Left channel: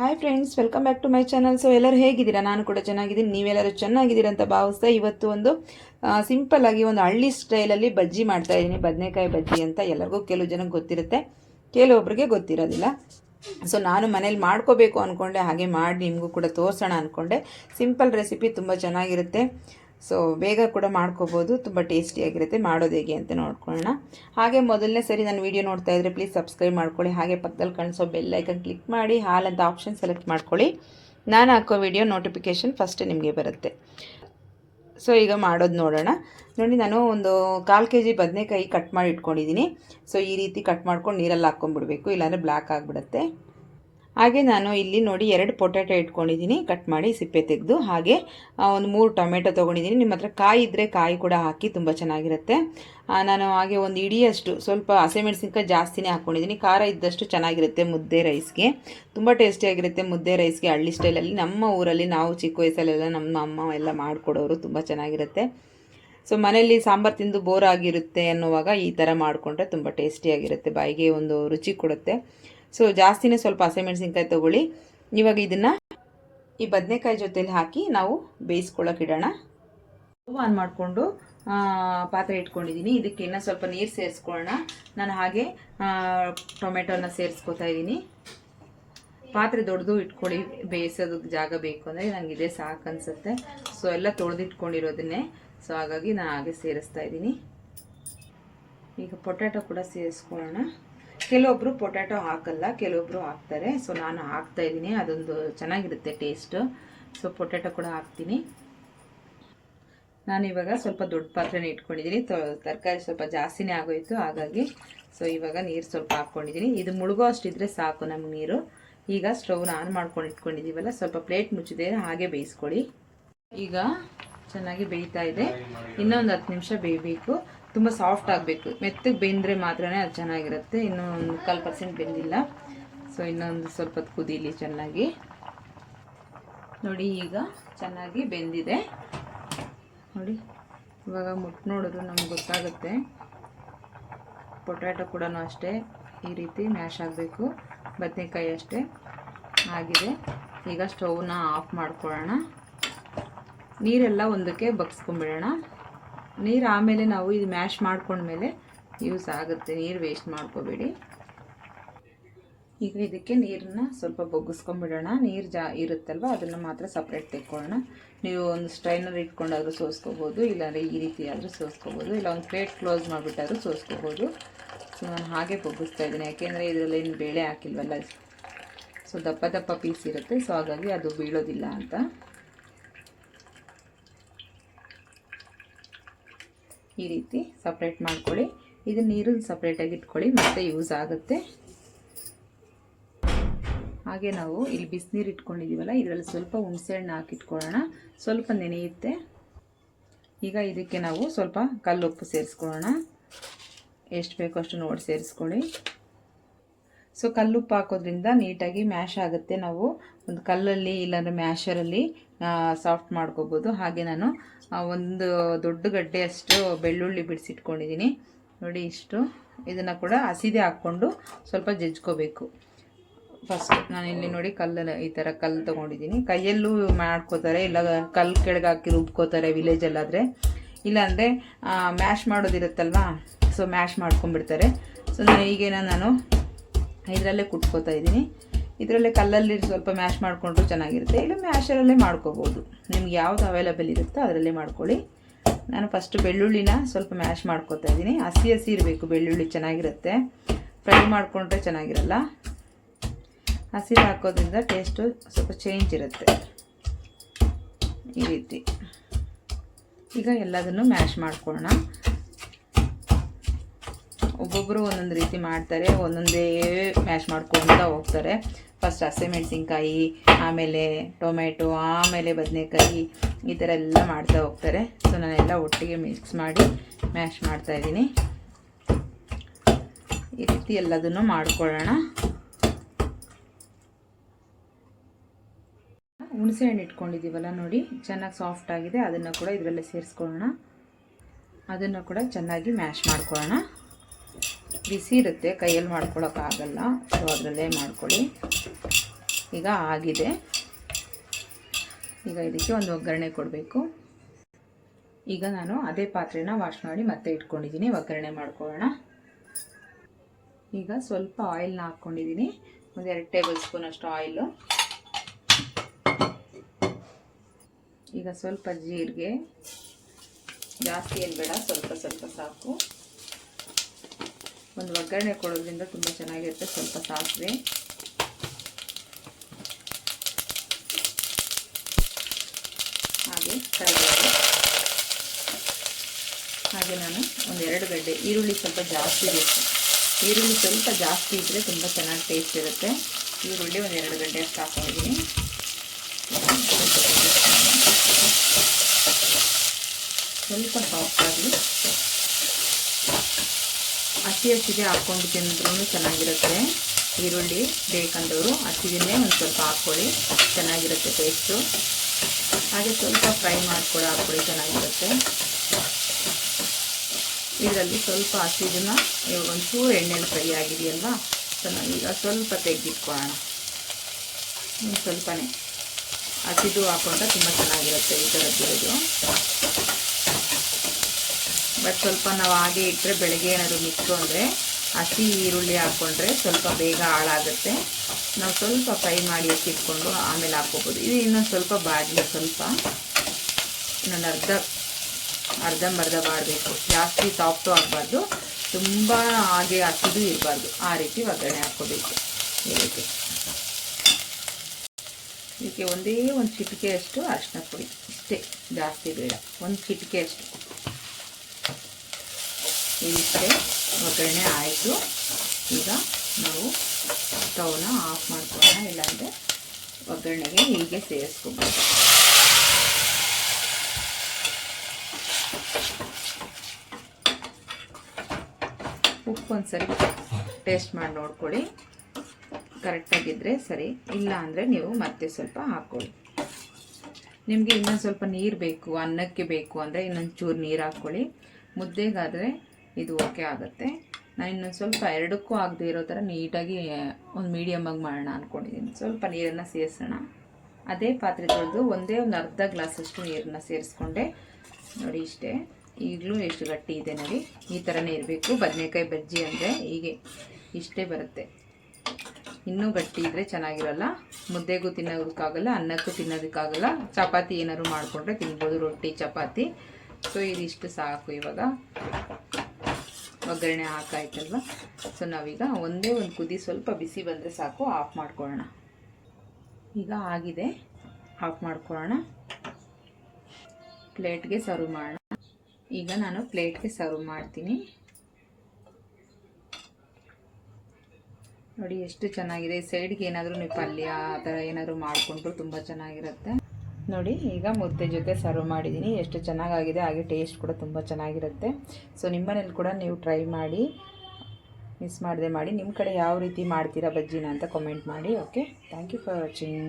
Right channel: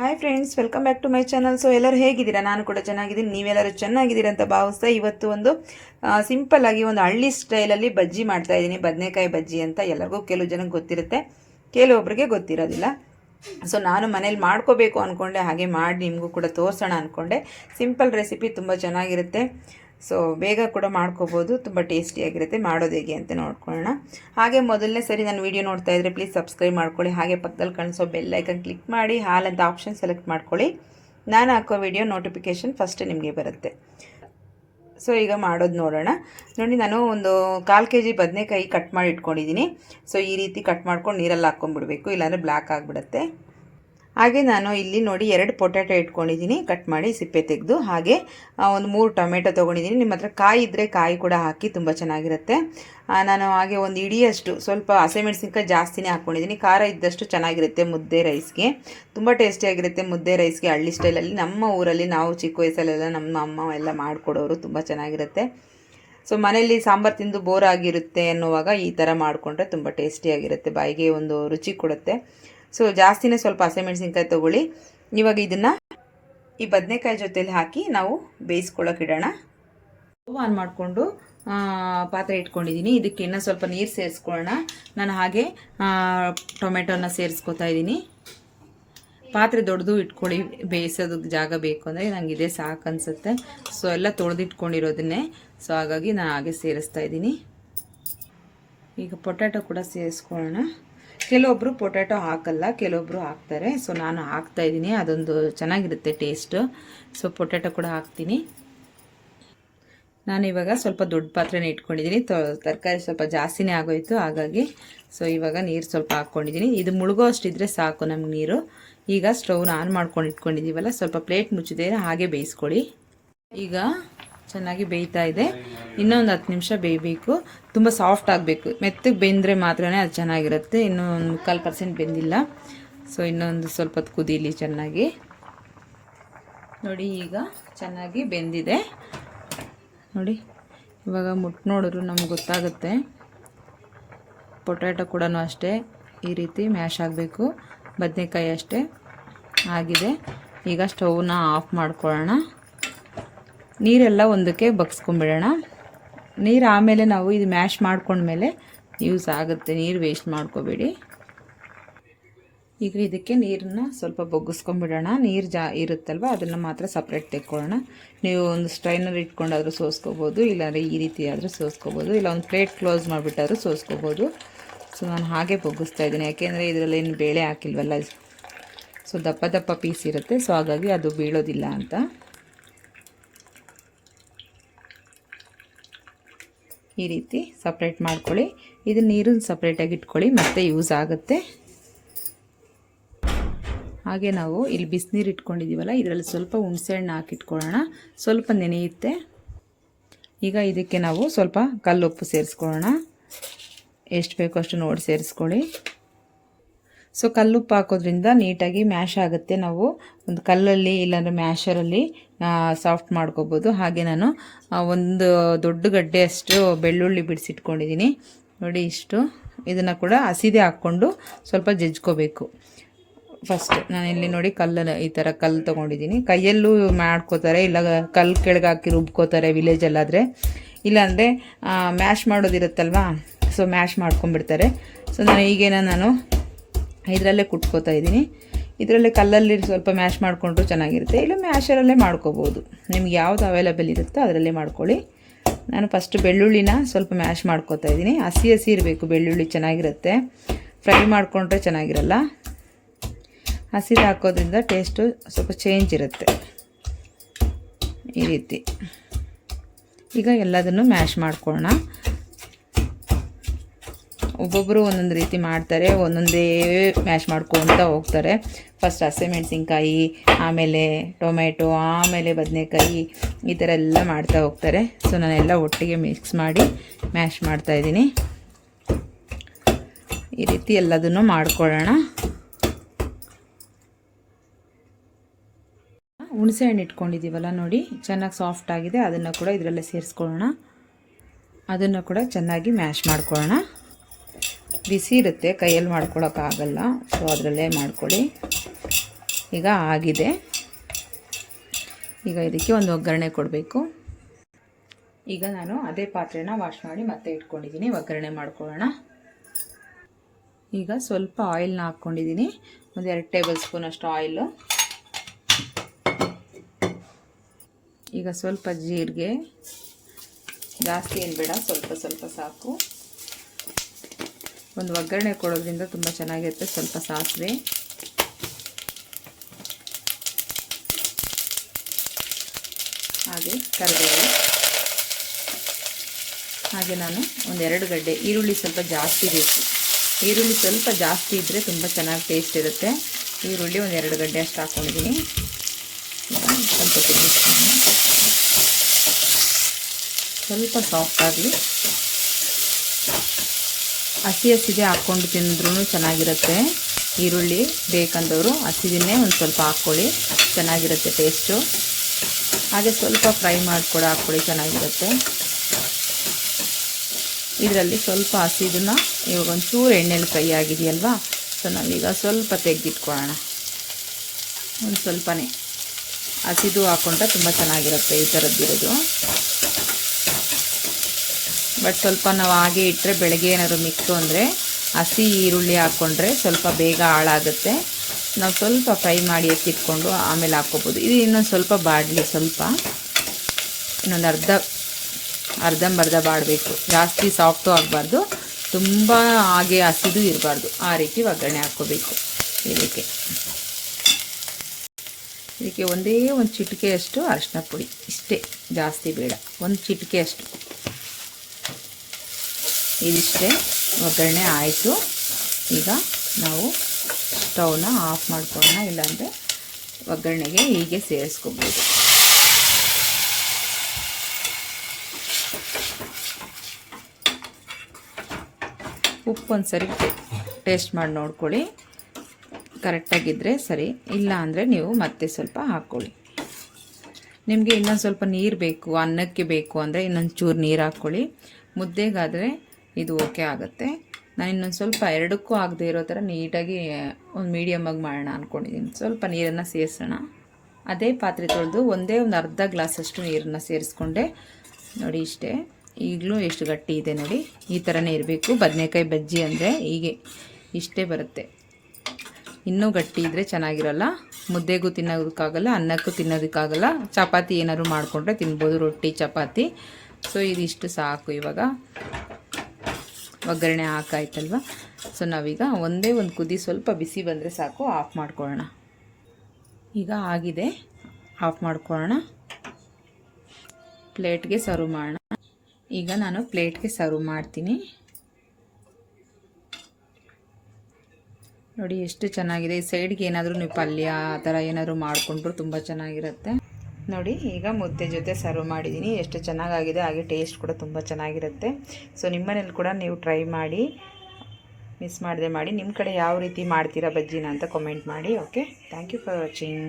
Hi friends welcome back to my channel so ಎಲ್ಲರೂ ಹೇಗಿದ್ದೀರಾ? ನಾನು ಕೂಡ ಚೆನ್ನಾಗಿದ್ದೀನಿ. ನೀವೆಲ್ಲರೂ ಚೆನ್ನಾಗಿದ್ದೀರಾ ಅಂತ ಭಾವಿಸ್ತಾ ಇವತ್ತು ಒಂದು ಸಿಂಪಲ್ ಆಗಿ ಒಂದು ಹಳ್ಳಿ ಸ್ಟೈಲಲ್ಲಿ ಬಜ್ಜಿ ಮಾಡ್ತಾ ಇದ್ದೀನಿ. ಬದನೆಕಾಯಿ ಬಜ್ಜಿ ಅಂತ ಎಲ್ಲರಿಗೂ ಕೆಲವು ಜನಕ್ಕೆ ಗೊತ್ತಿರುತ್ತೆ. ಕೆಲವೊಬ್ಬರಿಗೆ ಗೊತ್ತಿರೋದಿಲ್ಲ. ಸೊ ನಾನು ಮನೇಲಿ ಮಾಡ್ಕೋಬೇಕು ಅಂದ್ಕೊಂಡೆ ಹಾಗೆ ಮಾಡಿ ನಿಮಗೂ ಕೂಡ ತೋರಿಸೋಣ ಅಂದ್ಕೊಂಡೆ ಸಿಂಪಲ್ ರೆಸಿಪಿ ತುಂಬ ಚೆನ್ನಾಗಿರುತ್ತೆ. ಸೊ ಬೇಗ ಕೂಡ ಮಾಡ್ಕೋಬೋದು. ತುಂಬ ಟೇಸ್ಟಿಯಾಗಿರುತ್ತೆ ಮಾಡೋದು ಹೇಗೆ ಅಂತ ನೋಡ್ಕೊಳ್ಳೋಣ. ಹಾಗೆ ಮೊದಲನೇ ಸರಿ ನಾನು ವೀಡಿಯೋ ನೋಡ್ತಾ ಇದ್ದರೆ ಪ್ಲೀಸ್ ಸಬ್ಸ್ಕ್ರೈಬ್ ಮಾಡ್ಕೊಳ್ಳಿ. ಹಾಗೆ ಪಕ್ಕದಲ್ಲಿ ಕಾಣಿಸೋ ಬೆಲ್ ಐಕನ್ ಕ್ಲಿಕ್ ಮಾಡಿ, ಹಾಲ್ ಅಂತ ಆಪ್ಷನ್ ಸೆಲೆಕ್ಟ್ ಮಾಡ್ಕೊಳ್ಳಿ. ನಾನು ಹಾಕೋ ವಿಡಿಯೋ ನೋಟಿಫಿಕೇಷನ್ ಫಸ್ಟ್ ನಿಮಗೆ ಬರುತ್ತೆ. ಸೊ ಈಗ ಮಾಡೋದು ನೋಡೋಣ. ನೋಡಿ, ನಾನು ಒಂದು ಕಾಲು ಕೆ ಜಿ ಬದನೆಕಾಯಿ ಕಟ್ ಮಾಡಿ ಇಟ್ಕೊಂಡಿದ್ದೀನಿ. ಸೊ ಈ ರೀತಿ ಕಟ್ ಮಾಡ್ಕೊಂಡು ನೀರಲ್ಲಿ ಹಾಕ್ಕೊಂಡ್ಬಿಡ್ಬೇಕು. ಇಲ್ಲಾಂದರೆ ಬ್ಲ್ಯಾಕ್ ಆಗಿಬಿಡುತ್ತೆ. ಹಾಗೆ ನಾನು ಇಲ್ಲಿ ನೋಡಿ ಎರಡು ಪೊಟ್ಯಾಟೊ ಇಟ್ಕೊಂಡಿದ್ದೀನಿ. ಕಟ್ ಮಾಡಿ ಸಿಪ್ಪೆ ತೆಗೆದು ಹಾಗೆ ಒಂದು ಮೂರು ಟೊಮೆಟೊ ತೊಗೊಂಡಿದ್ದೀನಿ. ನಿಮ್ಮ ಹತ್ರ ಕಾಯಿ ಇದ್ದರೆ ಕಾಯಿ ಕೂಡ ಹಾಕಿ ತುಂಬ ಚೆನ್ನಾಗಿರುತ್ತೆ. ನಾನು ಹಾಗೆ ಒಂದು ಇಡಿಯಷ್ಟು ಸ್ವಲ್ಪ ಹಸಿಮೆಣಸಿನ್ಕಾಯಿ ಜಾಸ್ತಿನೇ ಹಾಕ್ಕೊಂಡಿದ್ದೀನಿ ಖಾರ ಇದ್ದಷ್ಟು ಚೆನ್ನಾಗಿರುತ್ತೆ ಮುದ್ದೆ ರೈಸ್ಗೆ. ತುಂಬ ಟೇಸ್ಟಿಯಾಗಿರುತ್ತೆ ಮುದ್ದೆ ರೈಸ್ಗೆ. ಹಳ್ಳಿ ಸ್ಟೈಲಲ್ಲಿ ನಮ್ಮ ಊರಲ್ಲಿ ನಾವು ಚಿಕ್ಕ ವಯಸ್ಸಲ್ಲೆಲ್ಲ ನಮ್ಮ ಅಮ್ಮ ಎಲ್ಲ ಮಾಡಿಕೊಡೋರು ತುಂಬ ಚೆನ್ನಾಗಿರುತ್ತೆ. ಸೊ, ಮನೆಯಲ್ಲಿ ಸಾಂಬಾರು ತಿಂದು ಬೋರ್ ಆಗಿರುತ್ತೆ ಅನ್ನುವಾಗ ಈ ಥರ ಮಾಡಿಕೊಂಡ್ರೆ ತುಂಬ ಟೇಸ್ಟಿಯಾಗಿರುತ್ತೆ. ಬಾಯಿಗೆ ಒಂದು ರುಚಿ ಕೊಡುತ್ತೆ. ಸೊ ಜಾಸ್ತಿನೇ ಸ್ವಲ್ಪ ಹಸಿಮೆಣಸಿನ್ಕಾಯಿ ತೊಗೊಳ್ಳಿ. ಇವಾಗ ಇದನ್ನು ಈ ಬದನೆಕಾಯಿ ಜೊತೆಲಿ ಹಾಕಿ ನಾವು ಬೇಯಿಸ್ಕೊಳ್ಳೋಕೆ ಇಡೋಣ. ಆನ್ ಮಾಡಿಕೊಂಡು ಪಾತ್ರೆ ಇಟ್ಕೊಂಡಿದ್ದೀನಿ ಇದಕ್ಕೆ ಇನ್ನೂ ಸ್ವಲ್ಪ ನೀರು ಸೇರಿಸ್ಕೊಳ್ಳೋಣ ನಾನು ಹಾಗೆ ಟೊಮೆಟೊನ ಸೇರಿಸ್ಕೊತಾ ಇದ್ದೀನಿ ಪಾತ್ರೆ ದೊಡ್ಡದು ಇಟ್ಕೊಳ್ಳಿ ಬೇಯಿಸೋದು ಜಾಗ ಬೇಕು ಅಂದರೆ ನಂಗೆ ಇದೇ ಸಾಕು ಅನಿಸುತ್ತೆ. ಸೊ ಎಲ್ಲ ತೊಳೆದಿಟ್ಕೊಂಡಿರೋದನ್ನೇ. ಸೊ ಹಾಗಾಗಿ ನಾನು ಹಾಗೆ ಸೇರಿಸ್ತಾ ಇದ್ದೀನಿ ಈಗ ಪೊಟ್ಯಾಟೊ ಕೂಡ ಸೇರಿಸ್ಕೊಳ್ಳೋಣ ಕೆಲವೊಬ್ಬರು ಪೊಟ್ಯಾಟೊ ಹಾಕಲ್ಲ ಕೆಲವೊಬ್ಬರು ಹಾಕ್ತಾರೆ. ಸೊ ನಾನು ಹಾಕ್ತಾ ಇದ್ದೀನಿ. ಅದೊಂದು ಚೆನ್ನಾಗಿರುತ್ತೆ ಟೇಸ್ಟು ಸೊ ಪೊಟ್ಯಾಟೊ ಕೂಡ ಹಾಕ್ತೀನಿ. ನಾನು ಇವಾಗ ಸ್ವಲ್ಪ ದೊಡ್ಡ ಪಾತ್ರೆನೇ ಇಟ್ಕೊಂಡಿದ್ದೀನಿ. ತರಕಾರಿ ಸ್ವಲ್ಪ ಜಾಸ್ತಿನೇ ಆಗೋಯ್ತು. ಹಾಗಾಗಿ ಸೊ ಇವಾಗ ನೀರು ಸ್ವಲ್ಪ ಹಾಕ್ಕೊಂಡಿದ್ದೀನಿ. ಇದು ಮುಳುಗೋ ಅಷ್ಟಿದ್ರೆ ಸಾಕು ನಮ್ಗೆ ನೀರು. ಈಗ ಸ್ಟವ್ನ ಆನ್ ಮಾಡ್ಕೊಂಡು ಇಟ್ಕೊಂಡಿದ್ದೀವಲ್ಲ, ಸ್ವಲ್ಪ ಪ್ಲೇಟ್ ಮುಚ್ಚಿದೆ ಹಾಗೆ ಬೇಯಿಸ್ಕೊಳ್ಳಿ. ಈಗ ಚೆನ್ನಾಗಿ ಬೇಯ್ತಾ ಇದೆ. ಇನ್ನೊಂದು ಹತ್ತು ನಿಮಿಷ ಬೇಯಬೇಕು. ತುಂಬ ಸಾಫ್ಟ್ ಆಗಬೇಕು. ಮೆತ್ತಗೆ ಬೆಂದರೆ ಮಾತ್ರನೇ ಅದು ಚೆನ್ನಾಗಿರುತ್ತೆ. ಇನ್ನೂ ಒಂದು ಮುಕ್ಕಾಲು ಪರ್ಸೆಂಟ್ ಬೆಂದಿಲ್ಲ. ಸೊ ಇನ್ನೊಂದು ಸ್ವಲ್ಪ ಹೊತ್ತು ಕುದೀಲಿ ಚೆನ್ನಾಗಿ. ನೋಡಿ, ಈಗ ಚೆನ್ನಾಗಿ ಬೆಂದಿದೆ. ನೋಡಿ, ಇವಾಗ ಮುಟ್ಟು ನೋಡಿದ್ರು ನಮ್ಗೆ ಗೊತ್ತಾಗುತ್ತೆ. ಪೊಟ್ಯಾಟೊ ಕೂಡ ಅಷ್ಟೇ ಈ ರೀತಿ ಮ್ಯಾಶ್ ಆಗಬೇಕು. ಬದನೆಕಾಯಿ ಅಷ್ಟೇ ಆಗಿದೆ. ಈಗ ಸ್ಟೌವ್ನ ಆಫ್ ಮಾಡ್ಕೊಳ್ಳೋಣ. ನೀರೆಲ್ಲ ಒಂದಕ್ಕೆ ಬಗ್ಸ್ಕೊಂಬಿಡೋಣ. ನೀರು ಆಮೇಲೆ ನಾವು ಇದು ಮ್ಯಾಶ್ ಮಾಡ್ಕೊಂಡ್ಮೇಲೆ ಯೂಸ್ ಆಗುತ್ತೆ. ನೀರು ವೇಸ್ಟ್ ಮಾಡ್ಕೋಬೇಡಿ. ಈಗ ಇದಕ್ಕೆ ನೀರನ್ನ ಸ್ವಲ್ಪ ಬೊಗ್ಗಿಸ್ಕೊಂಬಿಡೋಣ ನೀರು ಜಾ ಇರುತ್ತಲ್ವ, ಅದನ್ನು ಮಾತ್ರ ಸಪ್ರೇಟ್ ತೆಕ್ಕೊಳ್ಳೋಣ. ನೀವು ಒಂದು ಸ್ಟ್ರೈನರ್ ಇಟ್ಕೊಂಡಾದರೂ ಸೋಸ್ಕೋಬೋದು, ಇಲ್ಲಾಂದರೆ ಈ ರೀತಿ ಆದರೂ ಸೋಸ್ಕೋಬೋದು, ಇಲ್ಲ ಒಂದು ಪ್ಲೇಟ್ ಕ್ಲೋಸ್ ಮಾಡಿಬಿಟ್ಟಾದ್ರೂ ಸೋಸ್ಕೋಬೋದು. ಸೊ, ನಾನು ಹಾಗೆ ಬೊಗ್ಗಿಸ್ತಾ ಇದ್ದೀನಿ. ಯಾಕೆಂದರೆ ಇದರಲ್ಲಿ ಏನು ಬೇಳೆ ಹಾಕಿಲ್ವಲ್ಲ? ಸೊ, ದಪ್ಪ ದಪ್ಪ ಪೀಸ್ ಇರುತ್ತೆ. ಸೊ, ಹಾಗಾಗಿ ಅದು ಬೀಳೋದಿಲ್ಲ ಅಂತ. ಈ ರೀತಿ ಸಪ್ರೇಟ್ ಮಾಡ್ಕೊಳ್ಳಿ. ಇದು ನೀರನ್ನು ಸಪ್ರೇಟಾಗಿ ಇಟ್ಕೊಳ್ಳಿ, ಮತ್ತೆ ಯೂಸ್ ಆಗುತ್ತೆ. ಹಾಗೆ ನಾವು ಇಲ್ಲಿ ಬಿಸಿನೀರು ಇಟ್ಕೊಂಡಿದ್ದೀವಲ್ಲ ಇದರಲ್ಲಿ ಸ್ವಲ್ಪ ಹುಣಸೆಹಣ್ಣು ಹಾಕಿಟ್ಕೊಳ್ಳೋಣ ಸ್ವಲ್ಪ ನೆನೆಯುತ್ತೆ ಈಗ ಇದಕ್ಕೆ ನಾವು ಸ್ವಲ್ಪ ಕಲ್ಲುಪ್ಪು ಸೇರಿಸ್ಕೊಳ್ಳೋಣ. ಎಷ್ಟು ಬೇಕೋ ಅಷ್ಟು ನೋಡಿ ಸೇರಿಸ್ಕೊಳ್ಳಿ. ಸೊ ಕಲ್ಲುಪ್ಪು ಹಾಕೋದ್ರಿಂದ ನೀಟಾಗಿ ಮ್ಯಾಶ್ ಆಗುತ್ತೆ. ನಾವು ಒಂದು ಕಲ್ಲಲ್ಲಿ ಇಲ್ಲಾಂದರೆ ಮ್ಯಾಶರಲ್ಲಿ ಸಾಫ್ಟ್ ಮಾಡ್ಕೋಬೋದು. ಹಾಗೆ ನಾನು ಒಂದು ದೊಡ್ಡ ಗಡ್ಡೆ ಅಷ್ಟು ಬೆಳ್ಳುಳ್ಳಿ ಬಿಡಿಸಿಟ್ಕೊಂಡಿದ್ದೀನಿ ನೋಡಿ ಇಷ್ಟು. ಇದನ್ನು ಕೂಡ ಹಸಿದೆ ಹಾಕ್ಕೊಂಡು ಸ್ವಲ್ಪ ಜಜ್ಕೋಬೇಕು. ಫಸ್ಟ್ ನಾನು ಇಲ್ಲಿ ನೋಡಿ ಕಲ್ಲನ್ನು, ಈ ಥರ ಕಲ್ಲು ತೊಗೊಂಡಿದ್ದೀನಿ ಕೈಯಲ್ಲೂ ಮಾಡ್ಕೋತಾರೆ, ಇಲ್ಲ ಕಲ್ಲು ಕೆಳಗೆ ಹಾಕಿ ರುಬ್ಕೋತಾರೆ ವಿಲೇಜಲ್ಲಾದರೆ ಇಲ್ಲಾಂದರೆ ಮ್ಯಾಶ್ ಮಾಡೋದಿರುತ್ತಲ್ವಾ? ಸೊ ಮ್ಯಾಶ್ ಮಾಡ್ಕೊಂಬಿಡ್ತಾರೆ ಸೊ ನಾನು ಈಗೇನ ನಾನು ಇದರಲ್ಲೇ ಕುಟ್ಕೋತಾ ಇದ್ದೀನಿ. ಇದರಲ್ಲೇ ಕಲ್ಲಲ್ಲಿ ಸ್ವಲ್ಪ ಮ್ಯಾಶ್ ಮಾಡಿಕೊಂಡ್ರು ಚೆನ್ನಾಗಿರುತ್ತೆ. ಇಲ್ಲ ಮ್ಯಾಶರಲ್ಲೇ ಮಾಡ್ಕೋಬೋದು. ನಿಮ್ಗೆ ಯಾವ್ದು ಅವೈಲೇಬಲ್ ಇರುತ್ತೋ ಅದರಲ್ಲೇ ಮಾಡ್ಕೊಳ್ಳಿ. ನಾನು ಫಸ್ಟ್ ಬೆಳ್ಳುಳ್ಳಿನ ಸ್ವಲ್ಪ ಮ್ಯಾಶ್ ಮಾಡ್ಕೋತಾ ಇದ್ದೀನಿ. ಹಸಿ ಹಸಿ ಇರಬೇಕು, ಬೆಳ್ಳುಳ್ಳಿ ಚೆನ್ನಾಗಿರುತ್ತೆ. ಫ್ರೈ ಮಾಡಿಕೊಂಡ್ರೆ ಚೆನ್ನಾಗಿರಲ್ಲ. ಹಸಿರು ಹಾಕೋದ್ರಿಂದ ಟೇಸ್ಟು ಸ್ವಲ್ಪ ಚೇಂಜ್ ಇರುತ್ತೆ. ಈ ರೀತಿ. ಈಗ ಎಲ್ಲದನ್ನು ಮ್ಯಾಶ್ ಮಾಡ್ಕೊಳ್ಳೋಣ. ಒಬ್ಬೊಬ್ಬರು ಒಂದೊಂದು ರೀತಿ ಮಾಡ್ತಾರೆ, ಒಂದೊಂದೇ ಮ್ಯಾಶ್ ಮಾಡ್ಕೊತ ಹೋಗ್ತಾರೆ. ಫಸ್ಟ್ ಹಸಿಮೆಣ್ಸಿನ್ಕಾಯಿ ಆಮೇಲೆ ಟೊಮೆಟೊ ಆಮೇಲೆ ಬದನೆಕಾಯಿ ಈ ಥರ ಎಲ್ಲ ಮಾಡ್ತಾ ಹೋಗ್ತಾರೆ. ಸೊ ನಾನೆಲ್ಲ ಒಟ್ಟಿಗೆ ಮಿಕ್ಸ್ ಮಾಡಿ ಮ್ಯಾಶ್ ಮಾಡ್ತಾಯಿದ್ದೀನಿ ಈ ರೀತಿ ಎಲ್ಲದನ್ನು ಮಾಡ್ಕೊಳ್ಳೋಣ. ಹುಣಸೆ ಹಣ್ಣು ಇಟ್ಕೊಂಡಿದ್ದೀವಲ್ಲ ನೋಡಿ, ಚೆನ್ನಾಗಿ ಸಾಫ್ಟ್ ಆಗಿದೆ. ಅದನ್ನು ಕೂಡ ಇದರಲ್ಲೇ ಸೇರಿಸ್ಕೊಳ್ಳೋಣ. ಅದನ್ನು ಕೂಡ ಚೆನ್ನಾಗಿ ಮ್ಯಾಶ್ ಮಾಡ್ಕೊಳ್ಳೋಣ. ಬಿಸಿ ಇರುತ್ತೆ, ಕೈಯಲ್ಲಿ ಮಾಡ್ಕೊಳಕ್ಕಾಗಲ್ಲ ಸೊ ಅದರಲ್ಲೇ ಮಾಡ್ಕೊಳ್ಳಿ. ಈಗ ಆಗಿದೆ. ಈಗ ಇದಕ್ಕೆ ಒಂದು ಒಗ್ಗರಣೆ ಕೊಡಬೇಕು. ಈಗ ನಾನು ಅದೇ ಪಾತ್ರೆನ ವಾಶ್ ಮಾಡಿ ಮತ್ತೆ ಇಟ್ಕೊಂಡಿದ್ದೀನಿ. ಒಗ್ಗರಣೆ ಮಾಡ್ಕೊಳ್ಳೋಣ. ಈಗ ಸ್ವಲ್ಪ ಆಯಿಲ್ನ ಹಾಕ್ಕೊಂಡಿದ್ದೀನಿ. ಒಂದು ಎರಡು ಟೇಬಲ್ ಸ್ಪೂನ್ ಅಷ್ಟು ಆಯಿಲು ಈಗ ಸ್ವಲ್ಪ ಜೀರಿಗೆ. ಜಾಸ್ತಿ ಏನು ಬೇಡ, ಸ್ವಲ್ಪ ಸ್ವಲ್ಪ ಸಾಕು. ಒಂದು ಒಗ್ಗರಣೆ ಕೊಡೋದ್ರಿಂದ ತುಂಬ ಚೆನ್ನಾಗಿರುತ್ತೆ, ಸ್ವಲ್ಪ ಸಾಸಿವೆ. ಹಾಗೆ ಕರಿಬೇವು. ಹಾಗೆ ನಾನು ಒಂದು ಎರಡು ಗಡ್ಡೆ ಈರುಳ್ಳಿ ಸ್ವಲ್ಪ ಜಾಸ್ತಿ ಬೇಕು. ಈರುಳ್ಳಿ ಸ್ವಲ್ಪ ಜಾಸ್ತಿ ಇದ್ದರೆ ತುಂಬ ಚೆನ್ನಾಗಿ ಟೇಸ್ಟ್ ಇರುತ್ತೆ. ಈರುಳ್ಳಿ ಒಂದು ಎರಡು ಗಡ್ಡೆ ಅಷ್ಟು ಹಾಕೊಂಡಿದ್ದೀನಿ. ಸ್ವಲ್ಪ ಸಾಫ್ಟ್ ಆಗಲಿ ಹಸಿ ಹಸಿದೆ ಹಾಕ್ಕೊಂಡು ತಿಂದ್ರೂ ಚೆನ್ನಾಗಿರುತ್ತೆ. ಈರುಳ್ಳಿ, ಬೇಕಂದವರು ಹಸಿದನ್ನೇ ಒಂದು ಸ್ವಲ್ಪ ಹಾಕ್ಕೊಳ್ಳಿ. ಚೆನ್ನಾಗಿರುತ್ತೆ ಟೇಸ್ಟು ಹಾಗೆ ಸ್ವಲ್ಪ ಫ್ರೈ ಮಾಡಿಕೊಡ ಹಾಕ್ಕೊಳ್ಳಿ, ಚೆನ್ನಾಗಿರುತ್ತೆ. ಇದರಲ್ಲಿ ಸ್ವಲ್ಪ ಹಸಿದನ್ನ ಇವಾಗ ಒಂಚೂರು ಎಣ್ಣೆಲಿ ಫ್ರೈ ಆಗಿದೆಯಲ್ವಾ? ಸೊ ನಾವೀಗ ಸ್ವಲ್ಪ ತೆಗೆದಿಟ್ಕೊಳ್ಳೋಣ. ಒಂದು ಸ್ವಲ್ಪನೇ. ಹಸಿದು ಹಾಕ್ಕೊಂಡ್ರೆ ತುಂಬ ಚೆನ್ನಾಗಿರುತ್ತೆ ಈ ಥರದ್ದಿರೋದು ಬಟ್ ಸ್ವಲ್ಪ ನಾವು ಹಾಗೆ ಇಟ್ಟರೆ ಬೆಳಗ್ಗೆ ಏನಾದ್ರು ಮಿಕ್ಸು ಅಂದರೆ ಹಸಿ ಈರುಳ್ಳಿ ಹಾಕ್ಕೊಂಡ್ರೆ ಸ್ವಲ್ಪ ಬೇಗ ಹಾಳಾಗುತ್ತೆ. ನಾವು ಸ್ವಲ್ಪ ಫ್ರೈ ಮಾಡಿ ಎತ್ತಿಟ್ಕೊಂಡು ಆಮೇಲೆ ಹಾಕ್ಕೋಬೋದು. ಇದು ಇನ್ನೊಂದು ಸ್ವಲ್ಪ ಬಾಡಲಿ ಸ್ವಲ್ಪ. ಇನ್ನೊಂದು ಅರ್ಧ, ಅರ್ಧಂಬರ್ಧ ಬಾಡಬೇಕು. ಜಾಸ್ತಿ ಸಾಫ್ಟು ಆಗಬಾರ್ದು. ತುಂಬ ಹಾಗೆ ಹಸಿದು ಇರಬಾರ್ದು. ಆ ರೀತಿ ಒಗ್ಗರಣೆ ಹಾಕ್ಕೋಬೇಕು. ಇದಕ್ಕೆ. ಇದಕ್ಕೆ ಒಂದೇ ಒಂದು ಚಿಟಿಕೆಯಷ್ಟು ಅರಿಶಿನ ಪುಡಿ. ಇಷ್ಟೇ. ಜಾಸ್ತಿ ಬೇಡ. ಒಂದು ಚಿಟಿಕೆಯಷ್ಟು. ಇದಿಷ್ಟೇ ಒಗ್ಗರಣೆ ಆಯಿತು. ಈಗ ನಾವು ಸ್ಟವ್ನ ಆಫ್ ಮಾಡ್ಕೊಳ್ಳೋಣ, ಇಲ್ಲಾಂದರೆ ಒಗ್ಗರಣೆಗೆ ಹೀಗೆ ಸೇರಿಸ್ಕೋಬೋದು. ಉಪ್ಪು ಒಂದು ಸರಿ ಟೇಸ್ಟ್ ಮಾಡಿ ನೋಡ್ಕೊಳ್ಳಿ. ಕರೆಕ್ಟಾಗಿದ್ದರೆ ಸರಿ, ಇಲ್ಲ ಅಂದರೆ ನೀವು ಮತ್ತೆ ಸ್ವಲ್ಪ ಹಾಕ್ಕೊಳ್ಳಿ. ನಿಮಗೆ ಇನ್ನೊಂದು ಸ್ವಲ್ಪ ನೀರು ಬೇಕು, ಅನ್ನಕ್ಕೆ ಬೇಕು ಅಂದರೆ ಇನ್ನೊಂದು ಚೂರು ನೀರು ಹಾಕ್ಕೊಳ್ಳಿ. ಮುದ್ದೆಗಾದರೆ ಇದು ಓಕೆ ಆಗುತ್ತೆ. ನಾನು ಇನ್ನೊಂದು ಸ್ವಲ್ಪ ಎರಡಕ್ಕೂ ಆಗದೆ ಇರೋ ಥರ ನೀಟಾಗಿ ಒಂದು ಮೀಡಿಯಮಾಗಿ ಮಾಡೋಣ ಅಂದ್ಕೊಂಡಿದ್ದೀನಿ ಸ್ವಲ್ಪ ನೀರನ್ನು ಸೇರಿಸೋಣ. ಅದೇ ಪಾತ್ರೆ ತೊಳೆದು ಒಂದೇ ಒಂದು ಅರ್ಧ ಗ್ಲಾಸಷ್ಟು ನೀರನ್ನು ಸೇರಿಸ್ಕೊಂಡೆ. ನೋಡಿ ಇಷ್ಟೇ. ಈಗಲೂ ಎಷ್ಟು ಗಟ್ಟಿ ಇದೆ ನೋಡಿ. ಈ ಥರನೇ ಇರಬೇಕು. ಬದನೆಕಾಯಿ ಬಜ್ಜಿ ಅಂದರೆ ಹೀಗೆ ಇಷ್ಟೇ ಬರುತ್ತೆ. ಇನ್ನೂ ಗಟ್ಟಿ ಇದ್ದರೆ ಚೆನ್ನಾಗಿರಲ್ಲ. ಮುದ್ದೆಗೂ ತಿನ್ನೋದಕ್ಕಾಗಲ್ಲ, ಅನ್ನಕ್ಕೂ ತಿನ್ನೋದಕ್ಕಾಗಲ್ಲ. ಚಪಾತಿ ಏನಾದ್ರು ಮಾಡಿಕೊಂಡ್ರೆ ತಿನ್ಬೋದು, ರೊಟ್ಟಿ, ಚಪಾತಿ. ಸೊ ಇದಿಷ್ಟು ಸಾಕು ಇವಾಗ. ಒಗ್ಗರಣೆ ಹಾಕಾಯ್ತಲ್ವ? ಸೊ ನಾವೀಗ ಒಂದೇ ಒಂದು ಕುದಿ ಸ್ವಲ್ಪ ಬಿಸಿ ಬಂದರೆ ಸಾಕು, ಆಫ್ ಮಾಡ್ಕೊಳ್ಳೋಣ. ಈಗ ಆಗಿದೆ. ಆಫ್ ಮಾಡ್ಕೊಳ್ಳೋಣ. ಪ್ಲೇಟ್ಗೆ ಸರ್ವ್ ಮಾಡೋಣ. ಈಗ ನಾನು ಪ್ಲೇಟ್ಗೆ ಸರ್ವ್ ಮಾಡ್ತೀನಿ. ನೋಡಿ, ಎಷ್ಟು ಚೆನ್ನಾಗಿದೆ. ಈ ಸೈಡ್ಗೆ ಏನಾದರೂ ನೀವು ಪಲ್ಯ ಆ ಥರ ಏನಾದರೂ ಮಾಡಿಕೊಂಡ್ರು ತುಂಬ ಚೆನ್ನಾಗಿರುತ್ತೆ. ನೋಡಿ, ಈಗ ಮುದ್ದೆ ಜೊತೆ ಸರ್ವ್ ಮಾಡಿದ್ದೀನಿ ಎಷ್ಟು ಚೆನ್ನಾಗಾಗಿದೆ, ಹಾಗೆ ಟೇಸ್ಟ್ ಕೂಡ ತುಂಬ ಚೆನ್ನಾಗಿರುತ್ತೆ. ಸೊ ನಿಮ್ಮನೇಲಿ ಕೂಡ ನೀವು ಟ್ರೈ ಮಾಡಿ ಮಿಸ್ ಮಾಡದೆ ಮಾಡಿ. ನಿಮ್ಮ ಕಡೆ ಯಾವ ರೀತಿ ಮಾಡ್ತೀರಾ ಬಜ್ಜಿನ ಅಂತ ಕಮೆಂಟ್ ಮಾಡಿ okay thank you for watching